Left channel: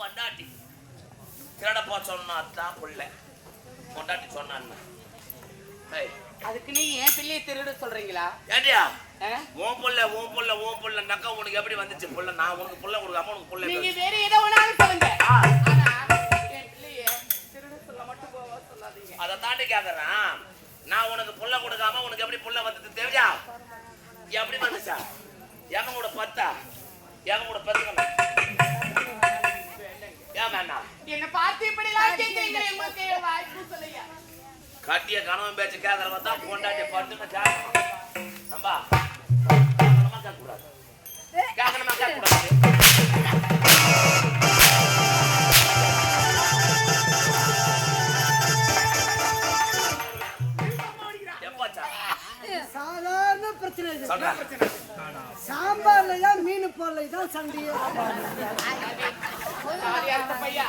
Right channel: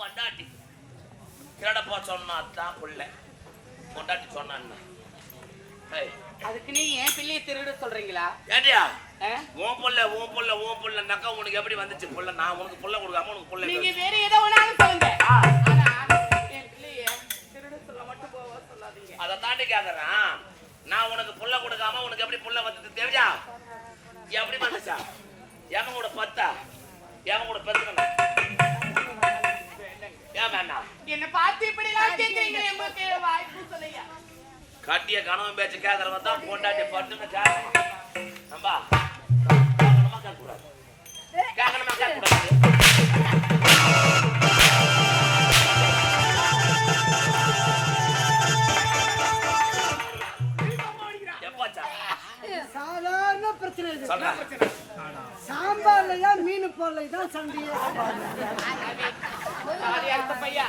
பொண்டாட்டி திருடப்போ சொன்னா தான் பிள்ளை பொண்டாட்டி சொன்னான்னா அதுக்கு நீ ஏன் பிள்ளையை திருட சொல்றீங்களா? ஏடியா உன் புள்ள நக்கா உனக்கு எப்படி வந்துச்சு புள்ள? நான் உனக்கு புள்ள கொடுக்காம உனக்கு புள்ள நீங்க வேற ஏதோ ஒண்ணாலும் சொல்லுங்க. என் பிள்ளைய திருட சொல்ல மட்டும் போவா சொல்லாதீங்க. அதை தாண்டி கேக்குறேன். நான் உனக்கு புள்ள கொடுக்காம உனக்கு எப்படி புள்ள வந்தது தெரியா? எப்படி வந்துச்சா? எவன் கூட பத்தா எவன் கூட பெத்துக்கணும்? ஏன் வேண்டாம் என்ன பார்த்து இப்படி எல்லாம் கேக்குறீங்க? உங்களுக்கு வாய்ப்பு சொல்லுங்க. கட்டிய கணவன் பேச்சு கேட்கறவ தான் பொண்டாட்டிய பட்டுன்னு கேட்கணும். நம்பா கேட்கணுமா கேட்கக்கூடாது? கேட்கணுமா கேட்கக்கூடாது? எப்பாச்சா சாதாரண பிரச்சனை இது. சாம்பார்லயா மீன் போடல தான் சண்டையே. பையா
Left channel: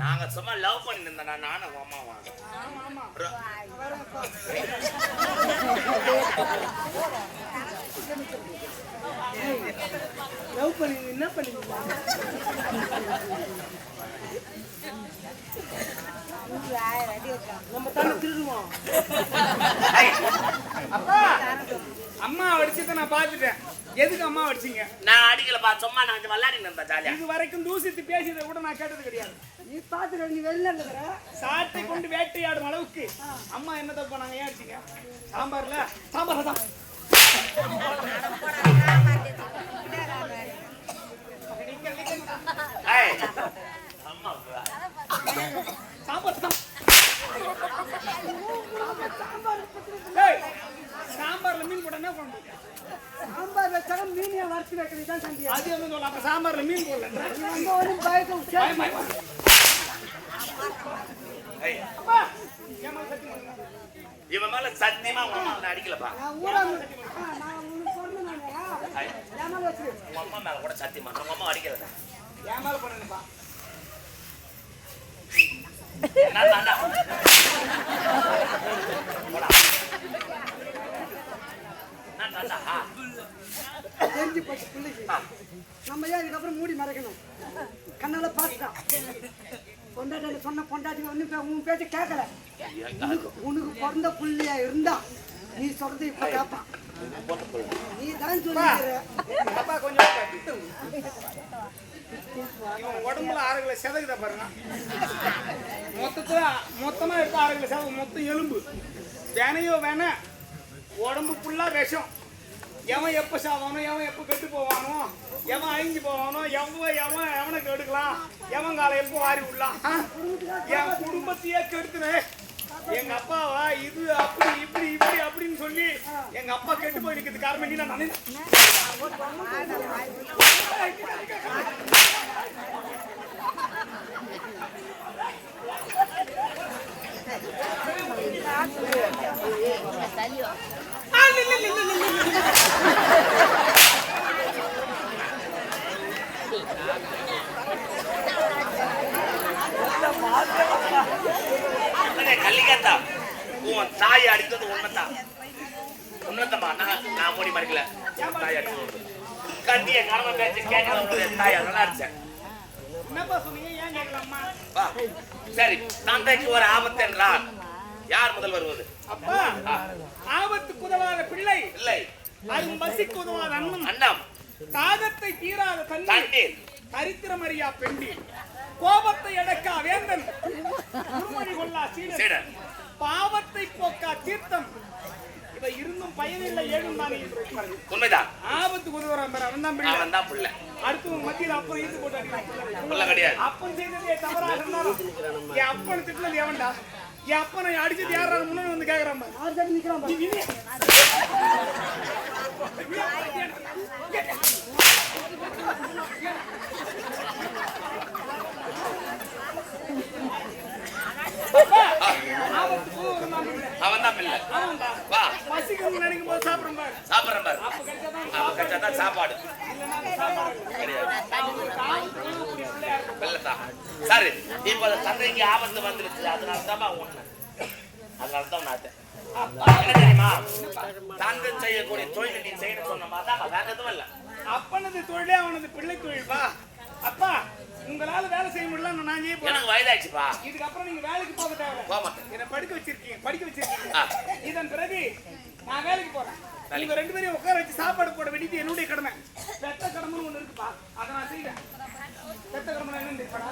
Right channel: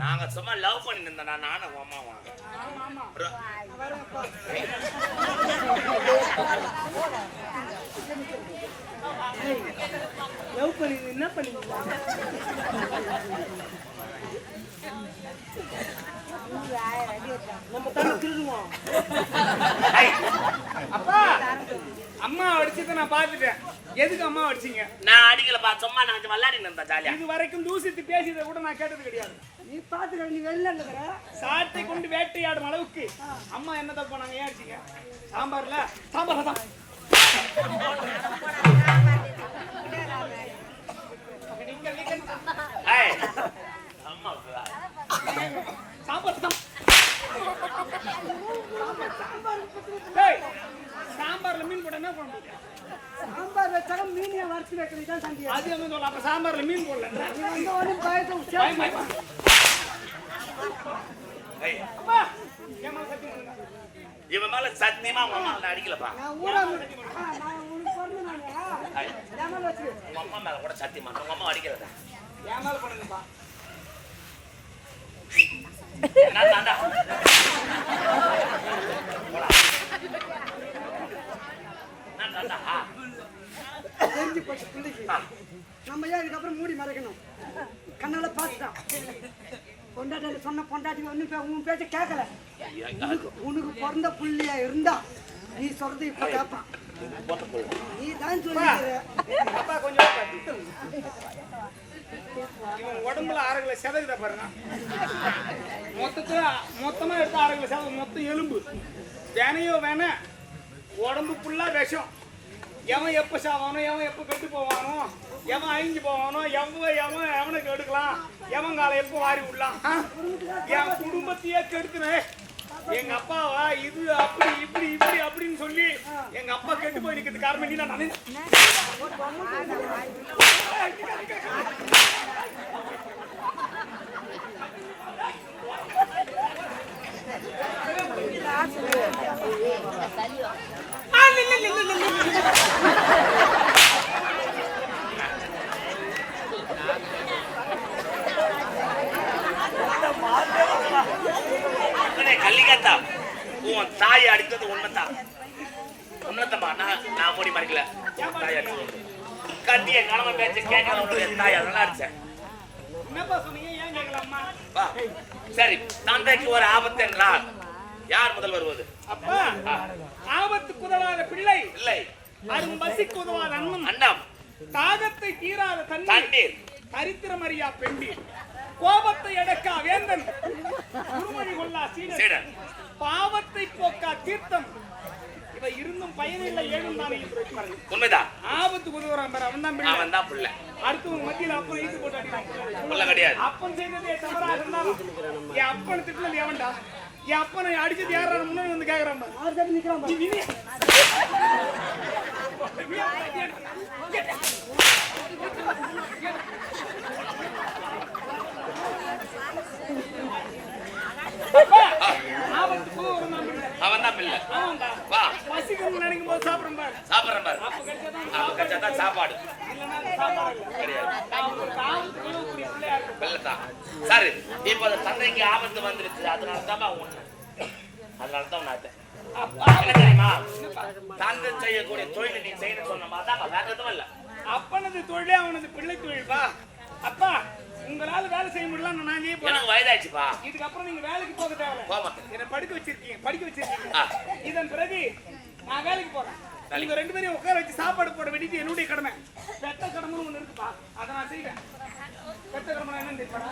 நாங்க சும்மா லவ் பண்ணி நின்றா நானும் அம்மாவா? லவ் பண்ணி என்ன பண்ணீங்களா? நம்ம தானே திருடுவோம். அப்பா அம்மா அடிச்சதை நான் பாத்துட்டேன். எதுக்கு அம்மா அடிச்சீங்க? நான் அடிக்கலப்பா, சும்மா நான் விளையாடி நின்றேன் ஜாலியா. இது வரைக்கும் தூசித்து பேசியதை கூட நான் கேட்டது கிடையாது. நீ பாத்துக்க, நீ வெளில இருக்கிற சாட்டை கொண்டு வேட்டையாடும் அளவுக்கு அம்மா என்ன தப்பு பண்ணாங்க? ஏன் அடிச்சீங்க? சாம்பார்ல சாம்பார் தான் சாம்பார் தான் சாம்பார்ல மீன் போட என்ன பண்ண முடியும்? சாம்பார் வச்சாங்க மீனியா வறுத்து வைக்கிறது தான் சண்டையா. அது என்ன சொல்ல? அப்ப சாம்பார்ல மீன் போடல. நீ வந்து ஒன்றும் பயக்கும். அப்பா என் மேல சத்தியம் பண்ணுங்க. இவன் மேல சத்தியமா உன் அடிக்கலப்பா. நான் ஊரா நான் உனக்கு பிறந்தனாங்க என் மேல வச்சு உங்க அம்மா மேல கூட சத்தியம் பண்றேன். உங்க அம்மா அடிக்கிறதா? என் மேல பண்ணுங்கப்பா. என்ன தாண்டா போடா என்ன தாண்டா தெரிஞ்சு போச்சு பிள்ளைக்கு. நம்ம ஏன் இதுக்கப்புறம் மூடி மறைக்கணும்? கண்ணால பார்த்துட்டான். பொண்டாட்டி சொன்ன பொண்டாட்டி வந்து உன் பேச்ச கேட்கல. உனக்கு பிறந்த புள்ளியா இருந்தா நீ சொல்றது இப்ப கேட்பான். நீ தான் சொல்லிக்கிற. அப்பா கொஞ்சம் இவன் உடம்புல 6 கிலோ செதகுத பாருங்க. மொத்தமா எடுத்து 6 கிலோ செதகு. மொத்தம் எலும்பு வேணையோ வேண உடம்பு ஃபுல்லா விஷம். எவன் எப்ப சாவானோ, எவன் எப்ப கெட்டு போவானோ, எவன் அழிஞ்சு போவானோ, எவனுக்கு எடுக்கலாம், எவன் காலை எப்போ வாரி விடலாம். என் குடும்பத்தையே கெடுத்துனேன். எங்க அப்பாவா இது அப்படி இப்படி இப்படி அப்படின்னு சொல்லி எங்க அப்பா கெட்டு போய் நிற்கிறது காரணம் நீ. நான் கல்லிக்கத்தா உன் தாய் அடித்தது உன்னதான் உன்னதமா. நான் மூடி மறைக்கல. தாய் அடித்தது கத்திய கடமை பேச்சு கேட்கறவனுடைய தாய் அதெல்லாம் அடிச்சேன். என்னப்பா சொன்னீங்க? ஏன் கேட்கலாமா? சரி, தந்தைக்கு ஒரு ஆபத்து என்றால் யார் முதல் வருவது? அப்பா ஆபத்துக்கு உதவாத பிள்ளை இல்லை, அரும் பசிக்கு உதவாத அண்ணம் அண்ணம், தாகத்தை தீராத தண்ணீர், தரித்திரம் அறியா பெண்டீர், கோபத்தை அடக்கா வேந்தன், குருமணி கொள்ளா சீடன், பாவத்தை போக்கா தீர்த்தம், இவை இருந்தும் பயனில்லை ஏழும் தானே என்று பாருங்க. உண்மைதான். ஆபத்துக்கு உதவுறான் பாரு, அவன் தான் பிள்ளை. அவன் தான் பிள்ளை. அடுத்தவங்க மத்தியில் அப்பன் ஈத்து போட்டு அடிக்கிறான். பிள்ளை கிடையாது. அப்பன் செய்ததே தவறாக இருந்தாலும் என் அப்பனை திட்டினது எவன்டா? என் அப்பனை அடிச்சது யாரா முன்னாடி வந்து கேக்குறான் பாரு. இல்ல. ஆமாம்பா. வா. பசிக்கணும்னு நினைக்கும் போது சாப்பிடுறேன் பாரு. சாப்பிடுறேன் பாரு. அப்ப கிடைச்சாதான் அப்ப கிடைச்சாதான் சாப்பாடு. இல்லைன்னா சாப்பாடு இல்ல. கிடையாது. நான் உங்களுக்கு ஆபத்து கூடிய பிள்ளையா இருக்கும். வெள்ளத்தான். சரி, இப்ப அந்த தந்தைக்கு ஆபத்து வந்துருச்சு. அதனாலதான் ஒண்ணு. அதனாலதான் நான் என்ன தெரியுமா? தந்தை செய்யக்கூடிய தொழிலை நீ செய்யணும் சொன்னமா தான் வேற எதுவும் இல்ல. அப்பனது தொழிலே அவனது பிள்ளை தொழில்பா. அப்பா உங்களால வேலை செய்ய முடியல நான் செய்ய போறேன். எனக்கு வயதாச்சுப்பா. இதுக்கப்புறம் நீங்க வேலைக்கு போக தேவையில்ல. போக மாட்டேன். என்ன படிக்க வச்சிருக்கீங்க. இதன் பிறகு நான் வேலைக்கு போறேன். நீங்க ரெண்டு பேரும் உட்கார வச்சு சாப்பாடு போட வேண்டியது என்னுடைய கடமை. பெத்த கடமைன்னு ஒண்ணு இருக்குப்பா. அதை நான் செய்வேன். பெத்த கடமை என்னன்னு தெரியுமாடா?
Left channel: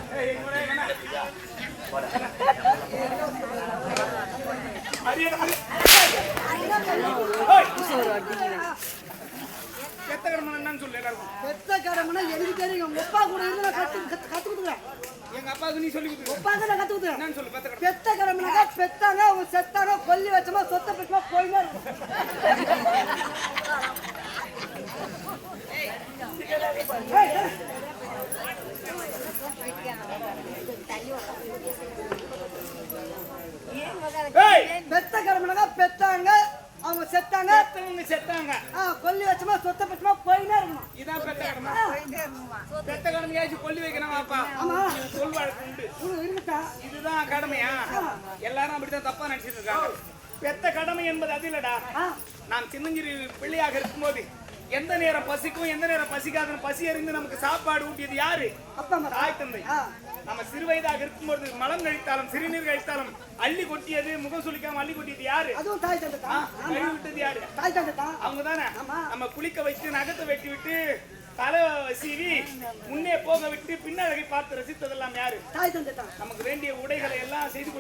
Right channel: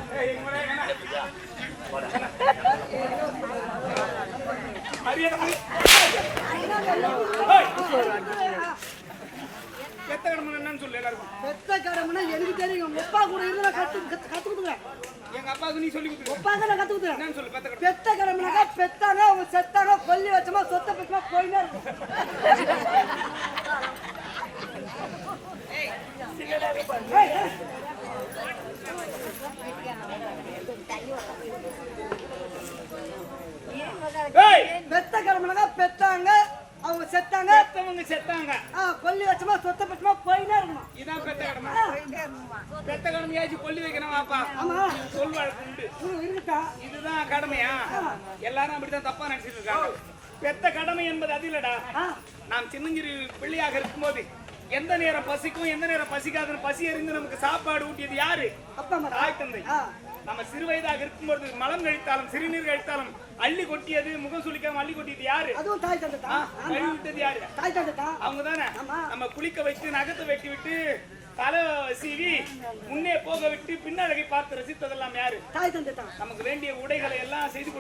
பெத்த கடமை என்னன்னு சொல்லு எல்லாருக்கும். பெத்த கடமைனா எனக்கு தெரியும். உங்க அப்பா கூட இருந்து நான் கத்துக்குதுங்க. எங்க அப்பாவுக்கு நீ சொல்லி கொடுத்து ஒப்பாங்க நான் கத்துக்குதுங்க. என்னன்னு சொல்லு பெத்த கடமை. பெத்த கடமைனாக்கா பெத்தாங்க அவங்க செத்தாங்க கொல்லி வச்சமா சொத்த பெற்றமா போயினே இருக்கும். பெத்த கடமைனாக்கா பெத்தாங்க அவங்க செத்தாங்க பெத்தவங்க செத்தாங்க கொல்லி வச்சமா சொத்த பெற்றமா போயினே இருக்கணும். இதான் பெத்த கடமை. பெத்த கடமையாச்சும் கொல்லி வைக்கணும் அப்பா. ஆமா சொல் வழக்கு உண்டு. இருக்கா இதுதான் கடமையா? எல்லாரும் அப்படித்தான் தப்பா நினைச்சிட்டு இருக்காங்க. பெத்த கடமை என்பது அது இல்லடா. நாம் சின்னஞ்சிறு பிள்ளையாக இருக்கும்போது எந்த நேரம் பசிக்கும் எந்த நேரம் பசிக்காதுன்னு பசி அறிந்து நமக்கு சாப்பாடு ஊட்டியது யாரு? அப்பா தாய் தந்தை. நம்ம சிறு வயதாக இருக்கும்போது மலம் கழித்தாலும் சிறுநீர் கழித்தாலும் அள்ளி கொட்டியது முகம் சுளிக்காம அள்ளி கொட்டியது யாரு? அதுவும் தாய் தந்தை தான். கழுவி விட்டது யாரு? தாய் தந்தை தான். அவங்க தானே. நம்ம குளிக்க வைத்து நகத்தை வெட்டி விட்டு தலை சீவி முன்னே போக விட்டு பின்னழகை பார்த்து ரசித்ததெல்லாம் யாரு? தாய் தந்தை தான். நமக்கு வேண்டிய உடைகளை எல்லாம் செய்து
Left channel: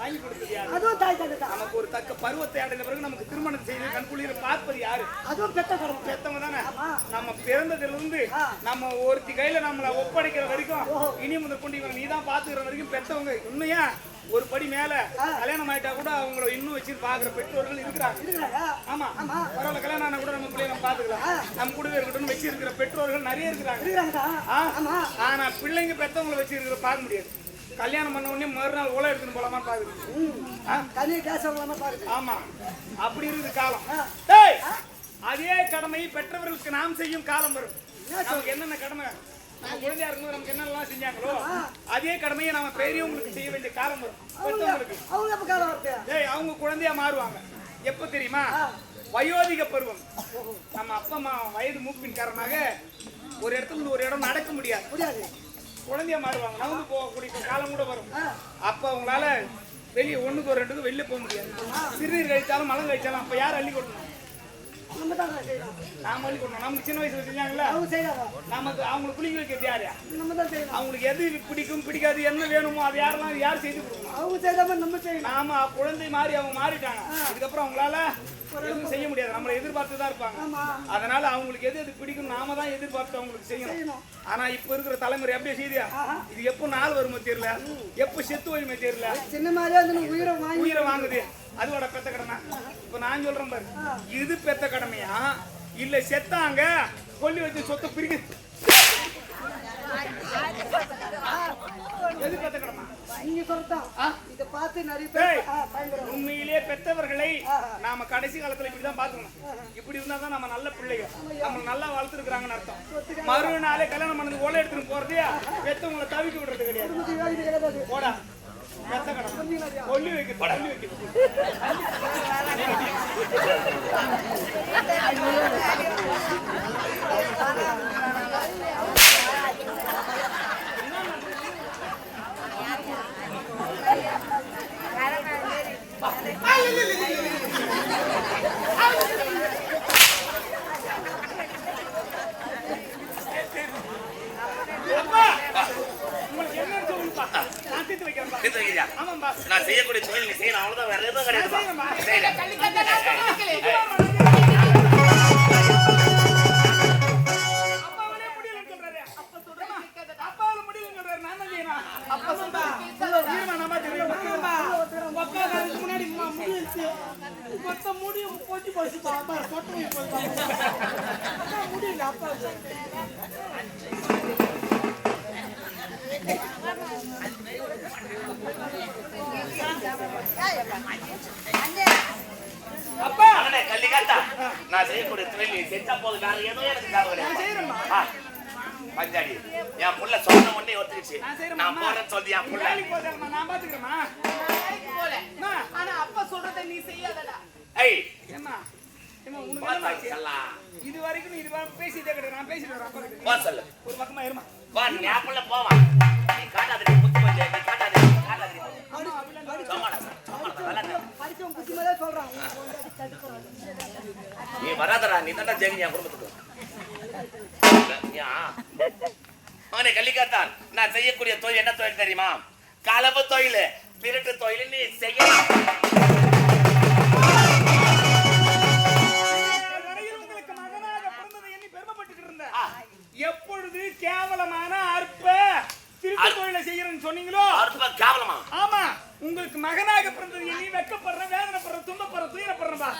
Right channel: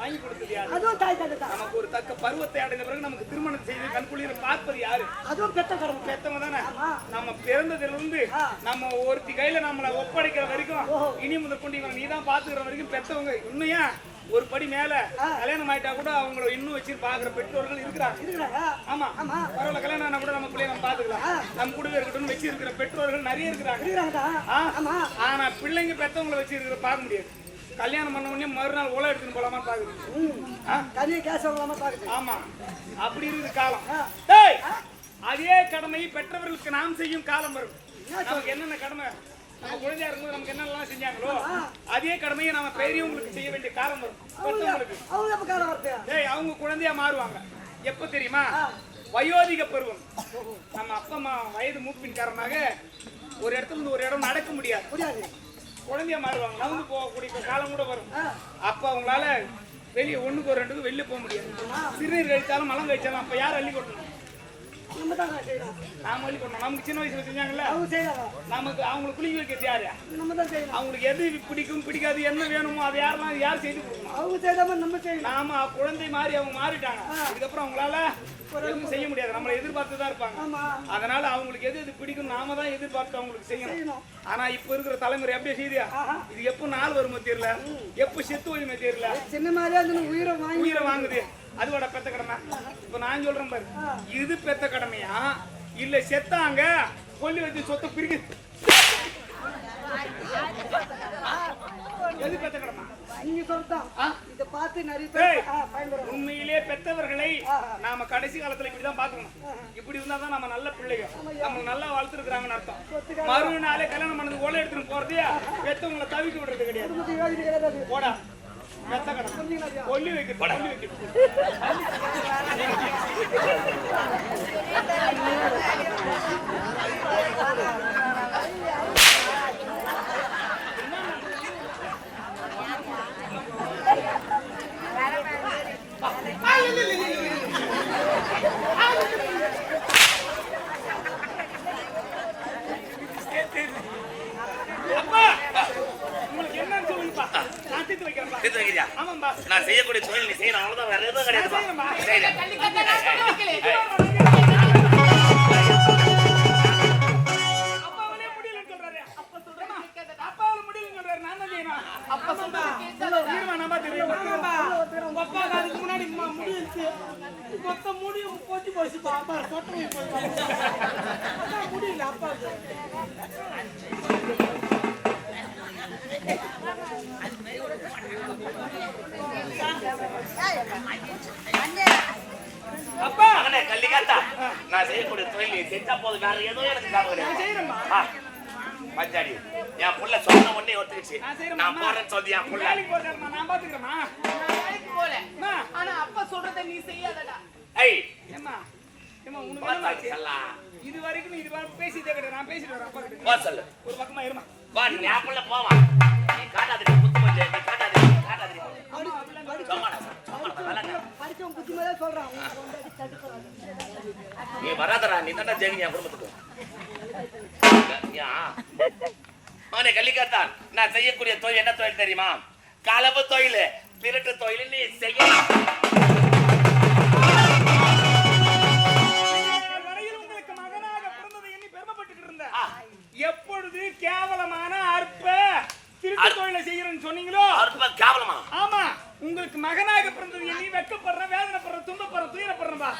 வாங்கி கொடுத்தது யாரு? அதுவும் தாய் தந்தை தான். நமக்கு ஒரு தக்க பருவத்தை அடைந்த பிறகு நமக்கு திருமணம் செய்து கண்குளிர பார்ப்பது யாரு? அதுவும் பெத்த கடமை. பெத்தவங்க தானே. நம்ம பிறந்ததிலிருந்து நம்ம ஒருத்தி கையில நம்மள ஒப்படைக்கிற வரைக்கும் இனி முதல் கொண்டு இவனை நீதான் பாத்துக்கிற வரைக்கும் பெத்தவங்க. உண்மையா ஒரு படி மேல கல்யாணம் ஆயிட்டா கூட அவங்கள இன்னும் வச்சு பாக்குற பெற்றோர்கள் இருக்கிறாங்க. ஆமா பரவாயில்ல, கல்யாணம் ஆனா கூட நம்ம பிள்ளைய நம்ம பாத்துக்கலாம், நம்ம கூடவே இருக்கட்டும் வச்சு இருக்கிற பெற்றோர்கள் நிறைய இருக்கிறாங்க. ஆனா பிள்ளைங்க பெத்தவங்களை வச்சு இருக்கிற பார்க்க முடியாது. கல்யாணம் பண்ண உடனே மறுநாள் ஓலை எடுத்துன்னு போலாமான்னு பாக்குறீங்க. ஆமா அப்படி இருக்குது காலம். அதே கடமை பெற்றவர்களுக்கு நாம் செய்யும் காலம் வரும். நமக்கு என்னென்ன கடமை நம்ம குழந்தையா இருக்கும்போது நமக்கு என்னெல்லாம் செஞ்சாங்களோ அதே கடமையை நம்ம பெரியவங்களுக்கு செய்ய வேண்டிய காலம் வரும். பெற்றவங்களுக்கு அவங்க குழந்தையா மாறுவாங்க. எப்ப தெரியுமா? வயோதிக பருவம். நம்ம அப்பா அம்மா வயது மூப்பின் காரணமாக ஒரு இடத்துல இருந்து ஒரு இடம் நடக்க முடியாது. குழந்தையா மாறுவாங்க. நகர்ந்து போகக்கூடிய காலம் கூட வரும். அப்ப அவங்களால வெளியே ஒண்ணுக்கு ஒரு ரெண்டுக்கு வெளியே போக முடியாது. சிறுநீர் கழிச்சாலும் மலம் கழிச்சாலும் அப்ப யார் அள்ளி கொட்டணும்? நாம அள்ளி கொட்டணும். நமக்கு சின்ன வயசுல செஞ்சாங்கல்ல, நமக்கு அவங்களுக்கு குளிக்க வைக்கிறது யாரு? அவங்களுக்கு எது பிடிக்கும் பிடிக்காது என்ன வேணுமோ அதை யார் செய்து கொடுக்கணும்? நாம குழந்தை மாறி அவங்க மாறிட்டாங்க. இதுக்கப்புறம் அவங்களால எதுவும் செய்ய முடியாது. நம்மளை எதிர்பார்த்து தான் இருப்பாங்க. அதனால அவங்களுக்கு எது பிடிக்கும் நாம தான் எதிர்பார்த்து அவங்களுக்கு செய்யணும். ஆனா இப்ப இருக்கிற தலைமுறை அப்படியே செய்தியா? இது எப்ப நாள் வருமோ தெரியல, எப்ப செத்து வருமோ தெரியல, உயிரை வாங்குது. அதுவோட பெத்த கடமை. இப்ப நான் சொல்றேன் பாரு, இது பெத்த கடமையா இல்ல செத்தாங்க கொல்லி வச்சு சொத்தை பிரிக்க எது பெத்த கடமை? உண்மையிலே பெத்தவர்களை நாம கடைசி காலத்துல இப்படிதான் பாத்துக்கணும். இப்படி இருந்தா தான் நம்ம நல்ல பிள்ளைங்க, நம்ம நல்லா வளர்த்துருக்காங்கன்னு அர்த்தம். மறுநாளே கல்யாணம் பண்ணது ஓலை எடுத்துட்டு போறதே பெத்தவங்களை தவிக்க விடுறது கிடையாது. போடா பெத்த கடமை. கொல்லி வைக்க கொல்லி வைக்க உங்களுக்கு என்னன்னு சொல்லுங்கப்பா. நான் தீர்த்து வைக்கிறேன். ஆமாம்பா, நான் செய்யக்கூடிய தொழில் நீ செய்யணும். அவ்வளவுதான், வேற எதுவும் கிடையாது. அப்பாவாலே முடியலன்னு சொல்றாரு. அப்பாவால முடியலன்னு சொல்றாரு. நான் தான் செய்யணும். அப்பா சொல்றேன் நம்ம தெரியும். முன்னாடி முடிச்சு மொத்த முடியும் போச்சு போச்சு பாப்பா சொட்ட முடியல அப்பாவுக்கு. நான் செய்யக்கூடிய தொழில் செஞ்சா போது வேற எதுவும் எனக்கு நான் கிடையாது. செய்யறேம்மா. பஞ்சாடி என் புள்ள சொன்ன உடனே ஒத்துக்கிச்சு. நான் செய்யறேம்மா. நான் போறேன்னு சொல்லி என் புள்ள வேலைக்கு போதாலம்மா, நான் பாத்துக்கிறேம்மா. நான் வேலைக்கு போல. அம்மா. ஆனா அப்பா சொல்றதை நீ செய்யாதடா. ஏய் ஏம்மா, ஏம்மா, உனக்கு போத்தா என்னம்மா ஆச்சு? சொல்லலாம். இது வரைக்கும் நீ இது பேசிட்டே கிடையாது. நான் பேசிட்டு வரேன் அப்பா கிட்ட. போ சொல்லு. ஒரு பக்கமா இருமா. வா நீ என் புள்ள போவான். நீ காட்டாதடி முத்து கொஞ்சம். நீ காட்டாதடி காட்டாதடி. அம்மா, அப்படிலாம் கிடையாது. சமாடா நல்லா படிச்சவன் புத்தி மேலே சொல்றான் உன் பொண்டாட்டி தடுக்கிறான். நீ வராதடா. நீ தாண்டா ஜெயிங்க என் குடும்பத்துக்கு. மகனே கள்ளிக்காத்தான், நான் செய்யக்கூடிய தொழில் என்ன தொழில் தெரியுமா? களவு தொழில், திருட்டு தொழில் நீ செய்யலாம். வரையில் உங்களுக்கு மகனாக பிறந்ததை எண்ணி பெருமைப்பட்டுக்கிட்டு இருந்தேன். எப்பொழுது கேவலமான அற்ப திருட்டு தொழிலை செய்யறேன்னு சொன்னீங்களோ, அற்ப கேவலமா? ஆமா, உங்களுக்கு மகனாக பிறந்தது எண்ணி வெக்கப்படுறேன், வேதனைப்படுறேன், துன்பப்படுறேன், துயரப்படுறேன்பா.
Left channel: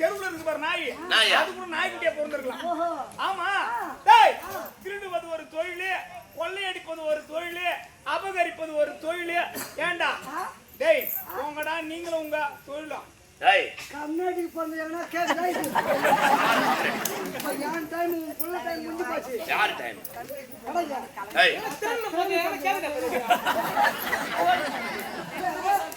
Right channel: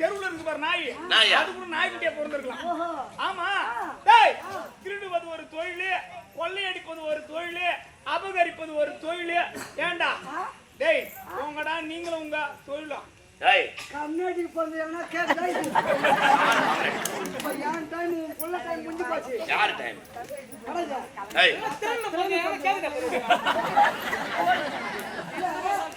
தெருவுல இருக்கு பாரு நாய், நாயா? அது கூட நாய்க்குட்டியா பிறந்திருக்கலாம். ஆமா, டேய், திருடுவது ஒரு தொழில், கொள்ளையடிப்பது ஒரு தொழில், அபகரிப்பது ஒரு தொழில். ஏண்டா டேய், உங்கடா நீங்களும் உங்க தொழிலும். ஏய் கம்யூனிட்டிக்கு போறது எவனா கேட்கல. இப்போ என் டைம் உன் புள்ள டைம் முடிஞ்சு போச்சு. யார் டைம்? கடையா ஏய்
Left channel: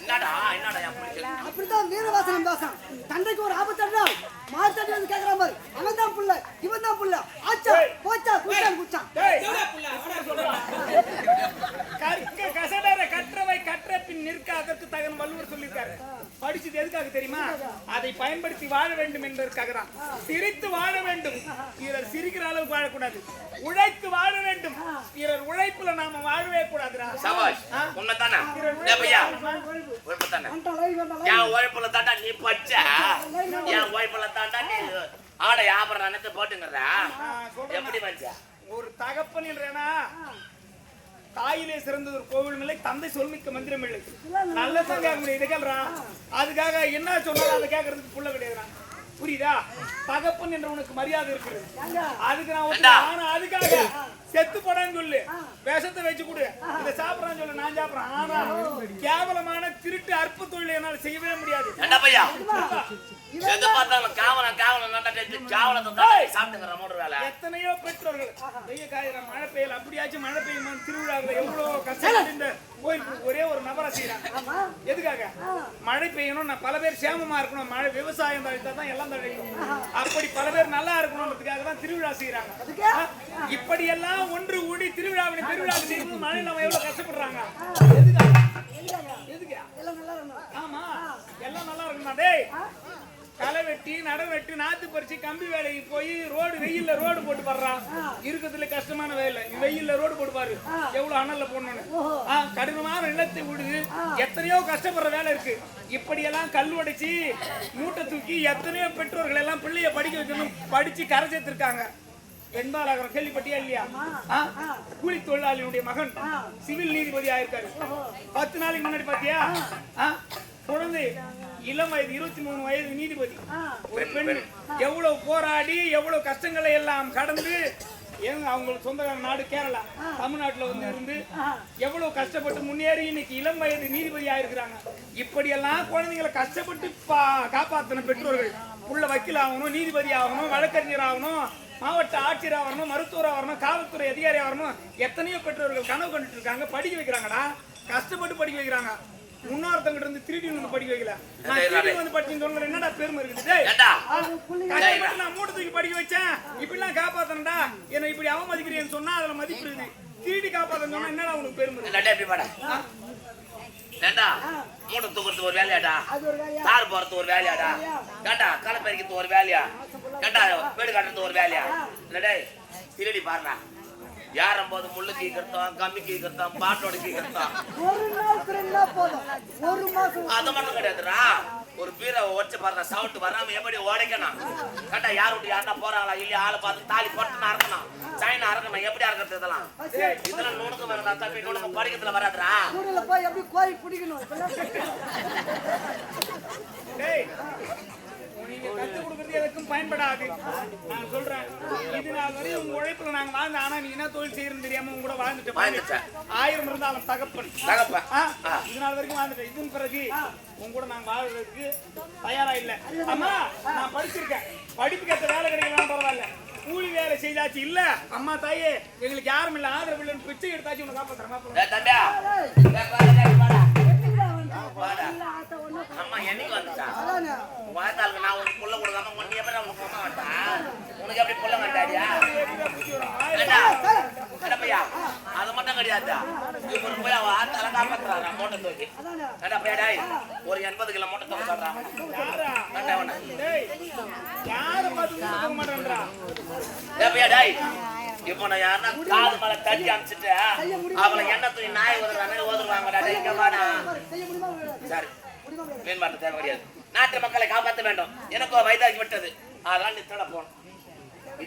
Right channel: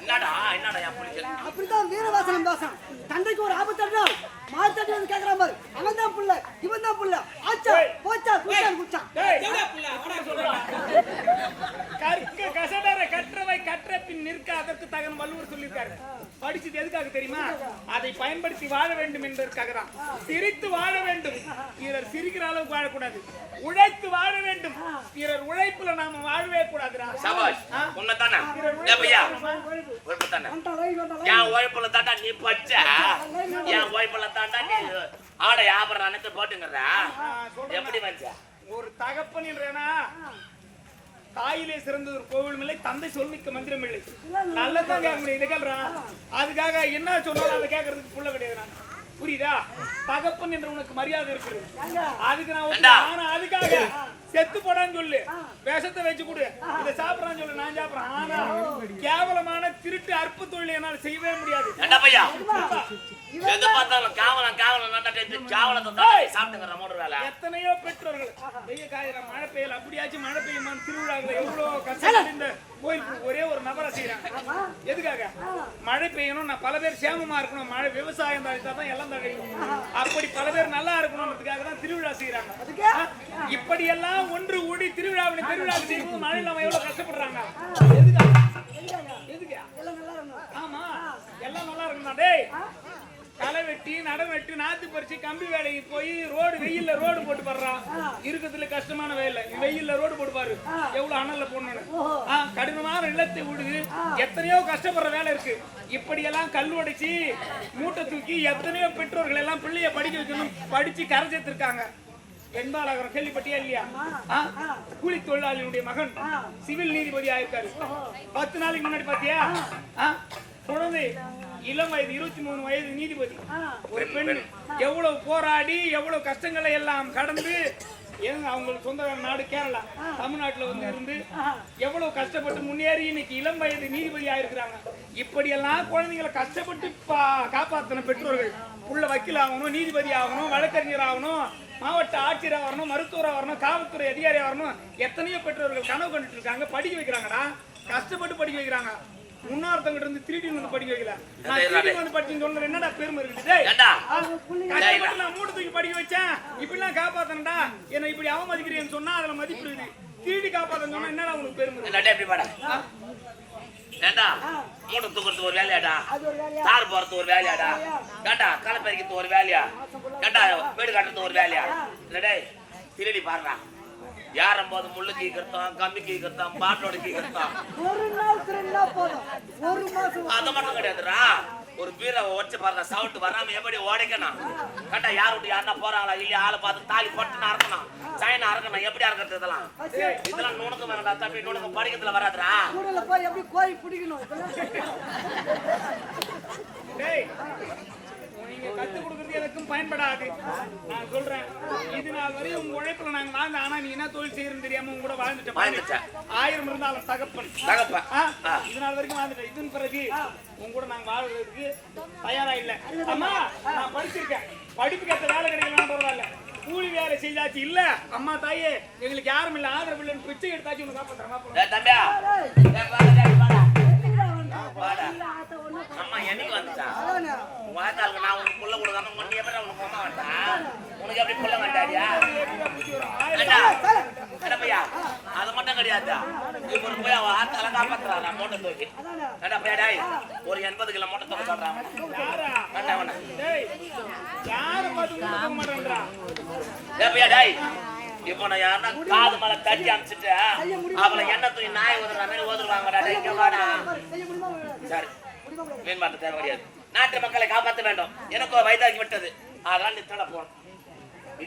என்னடா என்னடா என் புள்ள? அப்படித்தான் வீரவாசனம் பேசான். தந்தைக்கு ஒரு ஆபத்து மார்த்தாடி வந்து கேட்கறான் பாரு. அவன் தான் புள்ள, இவன் தான் புள்ள. ஆச்சா போச்சா குச்சான் குச்சான். டேய், இப்படி சொல்றேன்டா. கற்க கசடர கற்றவை கற்ற பின் நிற்க அதற்கு தகன வள்ளுவர் சொல்லியிருக்காரு. படிச்சது எதுக்காக தெரியுமா? அதை பயன்படுத்தி வாழ வேண்டும் என்பதற்காக தான். சிரித்து வாழ வேண்டும், பிறர் சிரிக்கிற அளவுக்கு வாழக்கூடாது. உழைத்து வாழ வேண்டும், பிறர் உழைப்புல நாம வாழவே கூடாதுடா. சபாஷ் உண்மைதானே? ஏ பையா உழைப்புதானே? என் உழைப்புல தாண்டா நீ பச்ச, என் உழைப்புல தாண்டா நீ ஆடை ஆபரணம் அனைத்து போட்டுங்கிறதா? எப்படி வந்தா? ஒரு தகப்பன் என்றேனா தாயிலே சிறந்தது ஒரு கோவிலும் இல்லை, தந்தை சொல்மிக்க மந்திரம் இல்லை. நல்லதான் கேட்க முடியும். இதை கேள்றா, அதுக்காக என்ன சொன்னாலும் அதை கேட்கறதுக்கு புள்ள கிடையாது. நான் புரியுதா? தகப்பன் என்ற உனக்கு மரியாதை இருக்கிறது, அதுக்கு நான் ஆனா அதுக்காக செத்து போடான்னு சொல்லு, விஷத்தை வச்சு கொடு, இதை சாப்பிடறான்னு சொல்லு, நான் சாப்பிடறேன். ஆனா கேவலமான திருட்டு அற்ப தொழிலை என்னால் செய்யவே முடியாது. என்ன பையா எது பார்த்தாலும் காவலம் காவலம் காவலத்தை சாப்பிட்டுங்கிற மூணு வேலை. எத்தனையோ பெற்றோர்கள் வெய்ய காயிற மழை பெய்யல, அப்படியாச்சும் மழை பெய்யுமான்னு திருவிழாக்களை எவ்வளவு கஷ்டம் இந்த கோயில் ஒரே ஒரு நபரை செய்யறாங்க. எதுக்காக? மழை பெய்யணும், நான் பல பேர் சேமமா இருக்கணும், மழை விவசாயம் தழித்தாதான் எல்லாம் தழிக்கும், அப்படி பல பேர் நல்லா இருக்கணும்ன்றதுக்காக தான் திருவிழா செய்யறாங்க. இப்படி எல்லாம் ஒன்று கூடி திருவிழாவை பெருவிழாவுக்கு செய்யும்போது மழை இல்லாம எவ்வளவு கஷ்டப்படுறாங்க. எதுக்காக? எதுக்கா? ஆமா, எல்லாம் நல்லா இருக்கணும். டேய், களை வெட்டி நடம் வெட்டி நாத்து பறிச்சு கம்பி வேலைக்கு போய் ரோடு வெயில்ல ரோடு போட்டு பாடுறான். இருக்கிறதுல கஷ்டமான வேலை. வெயில்ல ரோடு போட்டு பாரு, எவ்வளவு அனல்ல போடணும்னு. கடினமான நிலத்தை விடுது, எத்தனையோ கஷ்டப்படுற வேலை இருக்கு. இப்படி எல்லாம் கல் உடைச்சு மூட்டை தூக்கி எத்தனையோ பெற்றோர்கள் எல்லாம் பிள்ளைய படிக்க வைக்கணும், படிச்சு கரை சேர்த்திருக்காங்க. வெண்பாலகரம் கேள்விப்பட்டியா இல்லையா? கூலி தொழிலாளியுடைய மகன் சிவில் நீதிபதி ஆயிருக்காரு. 10 நாளைக்கு முன்னாடி பாத்தியா? குழந்தை இளம் வயது 23 வயது நீதிபதி. ஒரு பெண் எவ்வளவு போராடி எவ்வளவு கஷ்டங்களை எல்லாம் கடந்து, அவங்களுக்கு சொந்த நாடு கேரளா, தமிழ்நாட்டுல வந்து இருந்து எவ்வளவு கஷ்டப்பட்டு முன்னேறி இன்னைக்கு இளம் வயது நீதிபதி ஆயிருக்கிறாங்க. இப்படி எல்லாம் குழந்தைங்களை கஷ்டப்பட்டு காப்பாத்தின பெற்றோர்கள் உள்ள வக்கீல் ஆகணும், நீதிபதி ஆகணும், வழக்கறிஞர் ஆகணும், மாவட்ட ஆட்சியர் ஆகணும், மருத்துவராக வரணும், காவல்துறை அதிகாரி வரணும். எத்தனையோ பெற்றோர்கள் கனவு கண்டுட்டு இருக்காங்க, படிக்க வைக்கிறாங்கடா, கஷ்டப்பட்டு படிக்க வைக்கிறாங்க. முன்னோர்த்தங்கிட்ட இருந்து திருடி வந்து படிக்க வைக்கல, நான் திருடி வந்து படிச்சுன்னு சொல்ல என்னடா பெருமை இருக்குது? கஷ்டப்பட்டு நான் மூட்டை தூக்கி படிக்க வச்சேன், இப்படி எல்லாம் காப்பாத்தனடா, என்ன இப்படி அவமதிக்கிறேன்னு சொன்னா அதுல மதிப்பு இருக்குது. திருடி காப்பாத்தன்னு சொன்னா என்னடா உனக்கு பெருமை? ஏண்டா மூட்டை தூக்குறது ஒரு வேலையாடா? தார் போறது ஒரு வேலையாடா? ஏண்டா களை பறிக்கிறது ஒரு வேலையா? ஏண்டா வீடு கட்டுறது ஒரு வேலையா? இல்லடே திருடி பாருடா, யாரும் போது முள்ளு கீக்கிறோம், கம்பி கீக்கிறோம், பாட்டோட கீக்கிறோம். ஒரு நாள் திருந்தா போதும், ஒரு மாசம் அது மட்டும் கிடையாதுடா. ஒரு பீரை உடச்சு பாருடா, சவுண்ட் வராம எப்படி உடைக்கணும்? கேட்டா யார் விட்டு யாருன்னா போறாங்களா இல்லையா, ஆளை பார்த்து தாலி போட்டுன்னு அறக்கணும், சைனா அறக்கணும். எப்படி அறக்கிறது? இதெல்லாம் நுணுக்கம் வேணா தம்பி, நுணுக்கம் படிக்கிறதுல வராதுடா. கூடல போய் எப்படி கோய் பிடிக்கணும். நீங்க கத்து கொடுக்கறது எதுக்கும் பயன்படாது. நான் சொல்றேன், இது நாள் வரை உங்க உழைப்புல நாங்க வாழ்ந்தோம். ஆனா நீ என்ன தொழில் செய்யறன்னு தெரியாம உங்க கூட வாழ்ந்துட்டேன். 1000 இருந்தாலும் தகப்பன் இது நாள் வரைக்கும் வாழ்ந்துட்டேன். இதன் பிறகு உங்க கூட நாங்க வாழ்றதுக்கு தயாரா இல்ல. அம்மா நான் படிச்சிருக்கேன், படிப்புக்கு ஏற்ற வேலை கிடைக்கலாம் பரவாயில்ல, கூலி வேலை செய்தாச்சு இல்ல. அம்மா தாயே எங்களுக்கு யாரும் இல்ல, ஆதரவு இல்லைன்னு பிச்சை எடுத்தாச்சு உனக்கு காப்பாத்துறேன். அம்மா என்னைக்கு வந்துட்டா வாழ்த்தாளுக்கு நான் உனக்கு புள்ள கொடுக்காம ஒன்னு எப்படி உனக்கு அம்மா வந்தா உனக்கு எப்படி புள்ள வந்தாடியா பையா அது மட்டும் கிடையாது. இவரு போய் அவ ஆத்தால காப்பாத்துறாரா மூட்டை தூக்கி பையடா ஒரு 80 கிலோ மூட்டை தூக்க சொல்றாங்க. இப்போ நான் யாருன்னா காது மேல தட்டி அமிச்சுட்டு அவளை எண்ணெய் தூக்கி நாய் ஓதுற மாதிரி ஓதுருவாங்கடா. இங்க வாடா. சரி மீன் மாட்ட தேவை கிடையாது. நாட்டு மக்களை காப்பாற்ற வேண்டும். எனக்கோ வயதாகி விட்டது, அதெல்லாம் நித்தட போகணும்.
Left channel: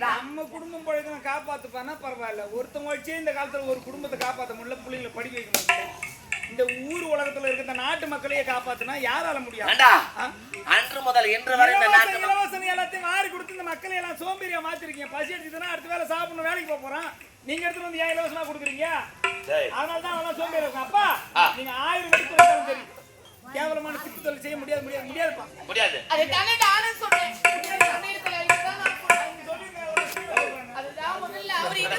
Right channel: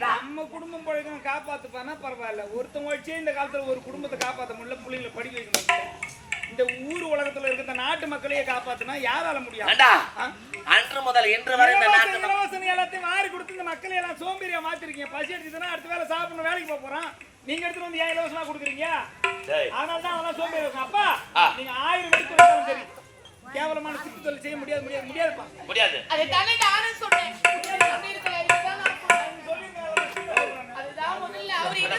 நம்ம குடும்பம் பழக்கம் காப்பாத்துப்பானா பரவாயில்ல. ஒருத்தவங்க வச்சே இந்த காலத்துல ஒரு குடும்பத்தை காப்பாற்ற முடியல, பிள்ளைங்களை படிக்க வைக்க முடியல. இந்த ஊர் உலகத்துல இருக்கிற நாட்டு மக்களையே காப்பாத்தினா யாரால முடியும்? அன்று முதல் இன்று வரை இலவசம் எல்லாத்தையும் மாறி கொடுத்து இந்த மக்களை எல்லாம் சோம்பேறியா மாத்திருக்கீங்க. பசி எடுத்துனா அடுத்த வேலை சாப்பிடணும், வேலைக்கு போறோம். நீங்க எடுத்துட்டு வந்து ஏன் இலவசமா கொடுக்குறீங்க? அதனாலதான் அவெல்லாம் சோம்பேறி இருக்கும். அப்பா நீங்க 1000 வெடி கொடுத்தாலும் சரி, கேவலமான சித்து தொழில் செய்ய முடியாது முடியாதுப்பா. முடியாது. அதுதான் முதல்ல அவர் என்ன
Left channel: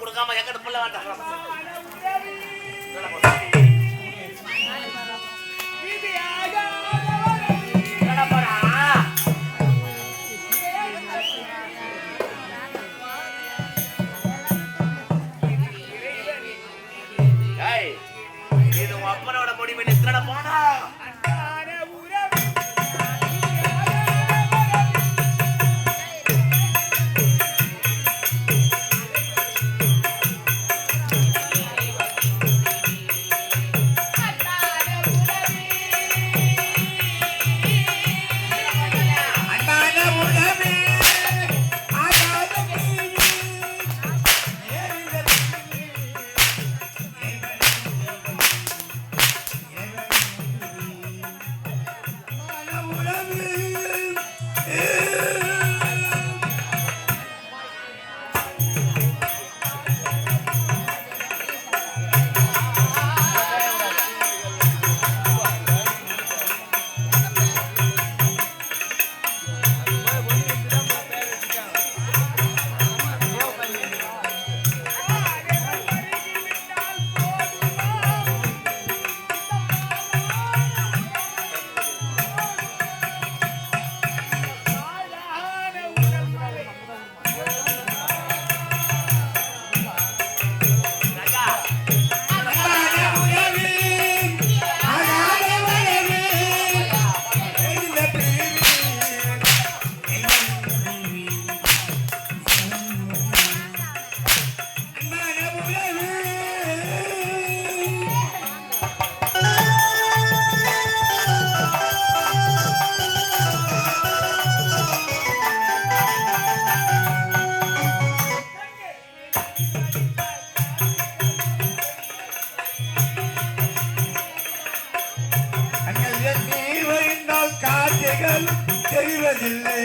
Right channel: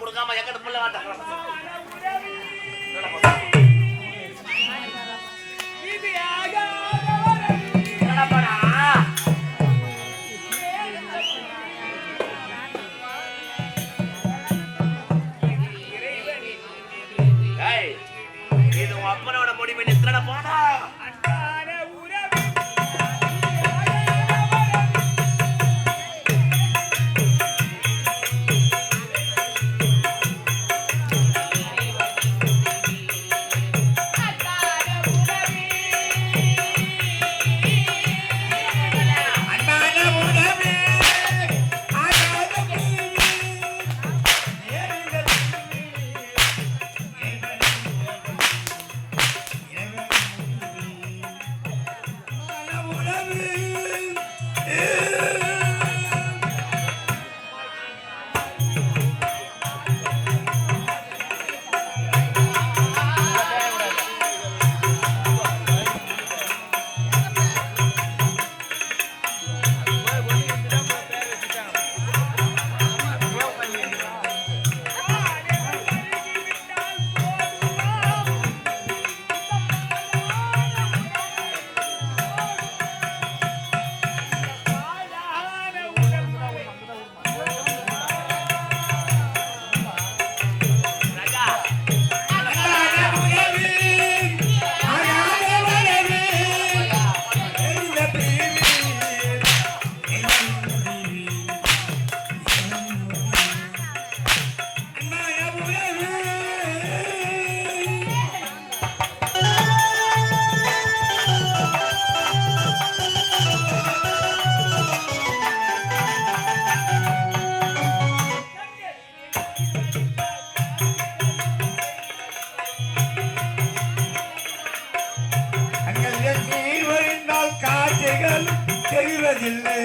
கொடுக்காம எங்க புள்ள வாட்டாங்க. இது உன் அப்பனோட முடிவு. நித்திர போனா தெரிவதில்லை.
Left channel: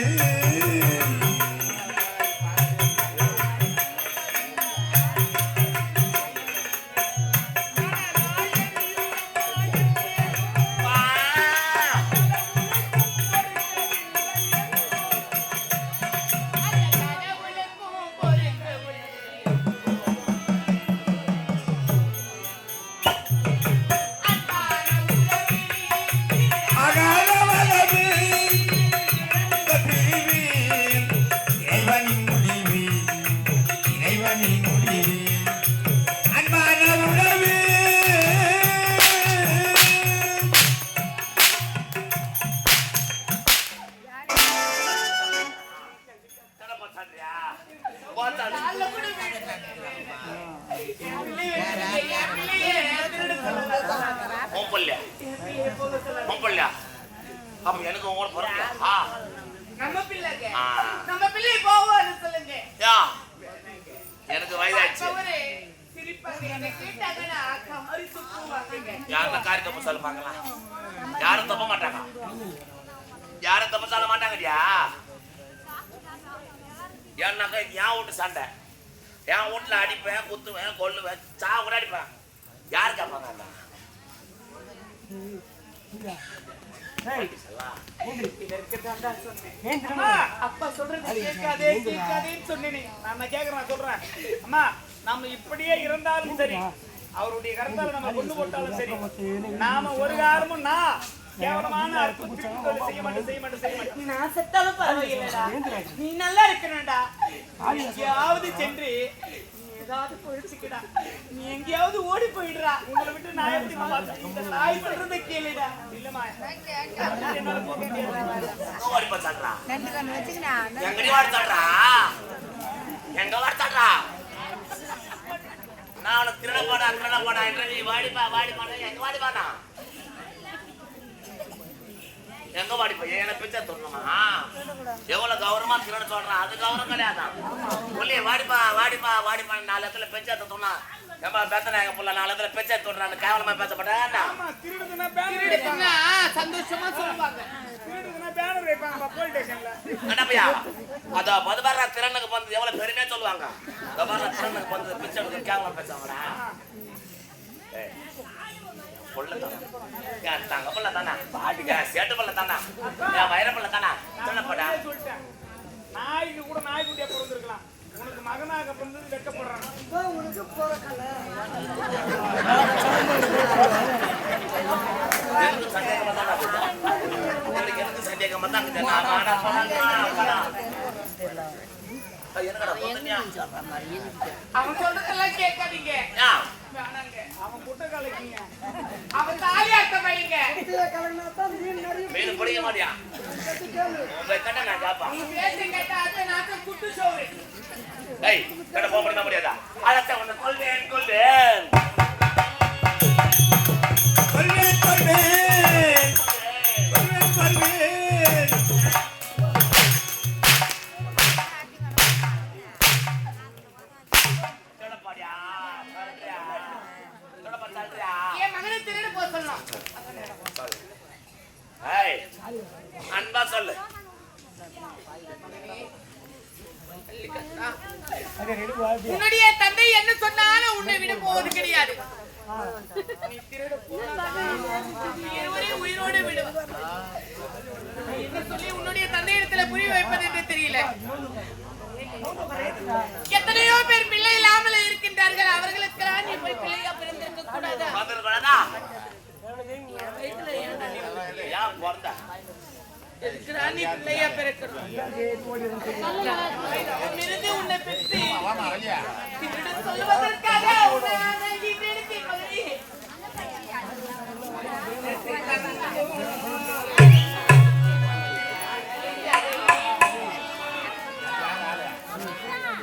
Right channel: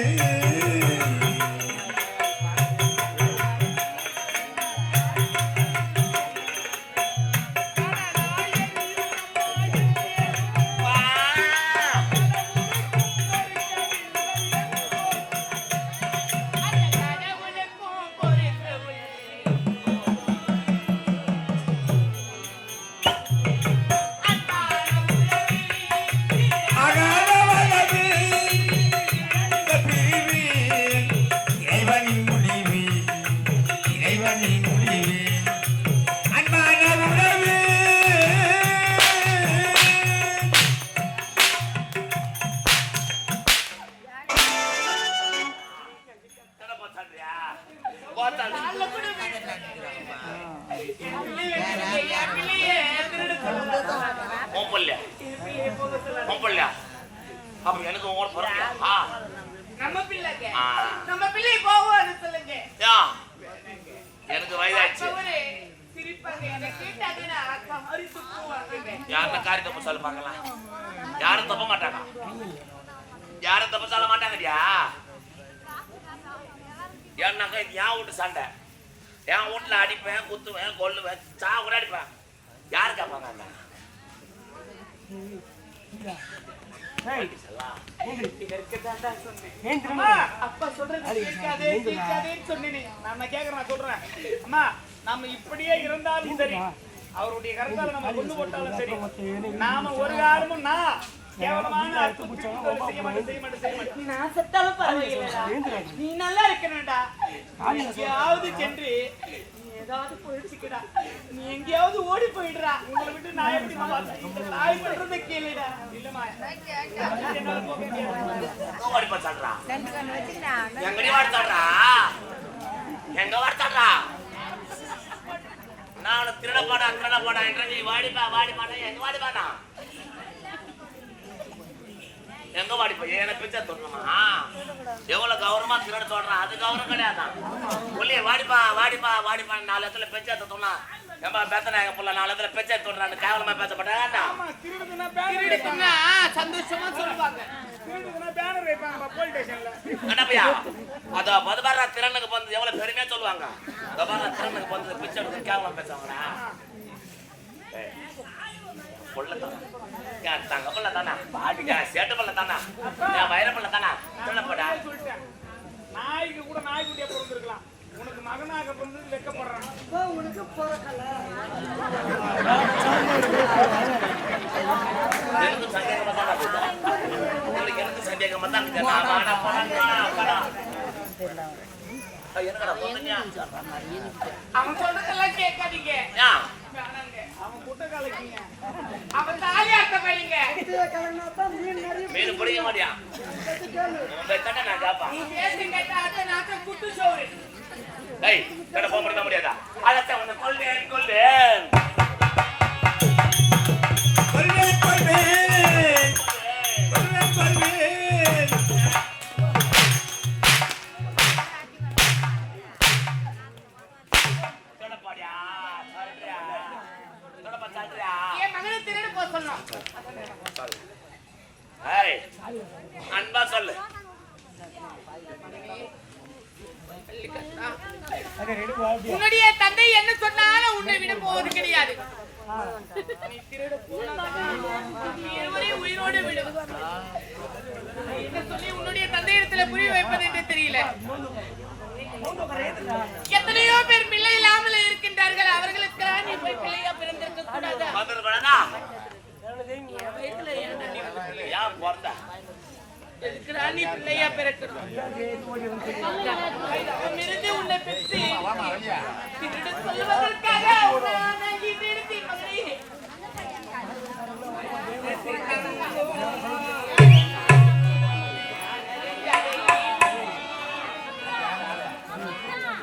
உன் பிள்ளையா என் பிள்ளைய போக சொல்லாத. உன் பிள்ளையா அப்ப எனக்கு உங்களோட பிறக்கலையா நம்ம பிள்ளைங்க. ஆ. நம்ம பிள்ளைய போவோம்னு சொல்லுங்க. யா எனக்கு வயதாச்சு அவரு சிரிப்பாங்க. என்னை கேட்டாங்கன்னா காரி துப்புவாங்க. யாருன்னா காரி தப்பு சொல்ல பார்க்கலாம் யாரும் தப்ப மாட்டாங்க யாரும் தப்பு சொல்ல மாட்டாங்கடியா ஏன்னாக்கா இது என் வீட்டு சண்டை என் வீட்டுல அடிப்பேன் குத்துவேன் கொல்லுவேன் சா கூட அடிப்பேன் யாரு கேட்பாங்க அண்ணா இதற்கு தாண்டா சொன்னேன். அம்மா, அப்பா சொல்றது கேட்காதேன்னு சொன்னேனே. நான் கேக்குறேன் சொல்றேன் அம்மா நம்ம இப்படியே இருந்தாலும் சரி அவருடைய கருத்தால நம்ம கொண்டு போட்டாலும் சரி நாம ஒரு காரணமும் நான் கேவலமான அற்புதம் செய்ய மாட்டேன் நான் செத்தாலும் பரவாயில்லடா. நீ நல்லா இருக்கணும்டா. எங்கேயாவது சென்று நீ ஏதாவது போயிடுச்சுக்கடா. நீ எங்கேயாவது ஓடி போயிடுறா. உங்களை விட்டு நான் எப்படி பார்த்தேன் இந்த தாய் சொல்றதை கேளுடா. இல்லம்மா ஓடிப்பா சொல்றா எங்கடி வாடுத்தாடுறா எங்க வாடுத்தாடுறா நான் திருடப்பாடா என்ற நீ வாடிப்பானா எங்க வாடிப்பானா எங்க வாடிப்பா என்ன பிச்சை தொடணுமா எவ்வளவு கௌரவமா திருட சொல்றான் அது கௌரவம் கிடையாதான் ஒல்லியே வாடிப்பா 4 இடத்துல பெச்சை தொட்டோம்னா ஏமா பேத்தனா எங்க புள்ள 4 இடத்துல பெச்சை தொடுறான்னு கேவலமா பேசப்பட்டாங்க திருடுனா சந்தோஷமா சொல்லுவாங்க. திருடுனா பேனர் வைப்பாங்க போலீஸ் ஸ்டேஷன்ல என்னப்பையா அதோ பதுபாரா திறனுக்கு வந்து எவ்வளவு பெருமையா சொல்லுவாங்க பதுபாரா திறனுக்கு வந்து பிச்சை எடுத்து கேவலம் பேசுவாங்கடா புள்ள தானா என் தங்க புள்ள தானா என் சேட்டு புள்ள தானா என் வயிறு புள்ள தானா திருடப்படா சொல்லிட்டேன் நாய்க்கு கூட நாய்க்குட்டியா பிறந்திருக்கலாம் உனக்கு மகனாக பிறந்தது வெக்கப்படுறான் உனக்கு பிறக்கல எனக்கு சந்தேகமா தானா போயிட்டா எனக்கு சந்தேகமா தாங்க என்னடா பொண்ணுயா அவன் சொல்றதெல்லாம் கேட்காதீங்க. வேணாங்க. அவன் குட்ட கலக்கிங்க அவன் தாலியாட்ட பையங்க. கலங்கினாத்தான் மீன் நிறைய மீன் பிடிக்க மாட்டியா கேளு உன் கட்ட நான் ஜாப்பா நீ பேச கேட்டா அத்தை நாத்த குட்டு சோறு. டேய் கட்ட போக முடியாதா அழத்த உன்னை கொல்வேன் என் மகனை திருட போக சொல்லணும். அன்பா சொல்லு உன்னுடைய தந்தை என்ன சொன்னாலும் உன்னை விட போவது கிடையாது. நீ திருட போனாதான் நீ இருவரையும் உயிரோடு விடுவார். என்ன சொல்லி உன்னுடைய தந்தையிடத்துல புரிய வைப்பது என்று தெரியல. எத்தனையோ பேர் பிள்ளை இல்லாமல் இருக்கின்றார்கள். அவர்களுக்கு நீ போய் பிள்ளையா பிறந்திருக்க கூடாதா? என் வயிற்றுல ஏன்டா நீ வந்து பிள்ளையா பிறந்த எதுக்குடா நீ பிள்ளையா பிறக்கணும்? அவனிருந்து உன்னை பெற்று திருட சொல்வதற்காக உன்னை நான் ஈன்றெடுத்தேன் மகனே.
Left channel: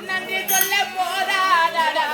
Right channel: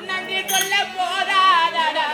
நன்றி சொல்ல போதாதடா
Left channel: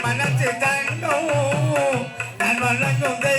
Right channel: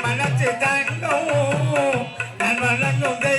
மனசு தங்கம் நான் வழங்கும்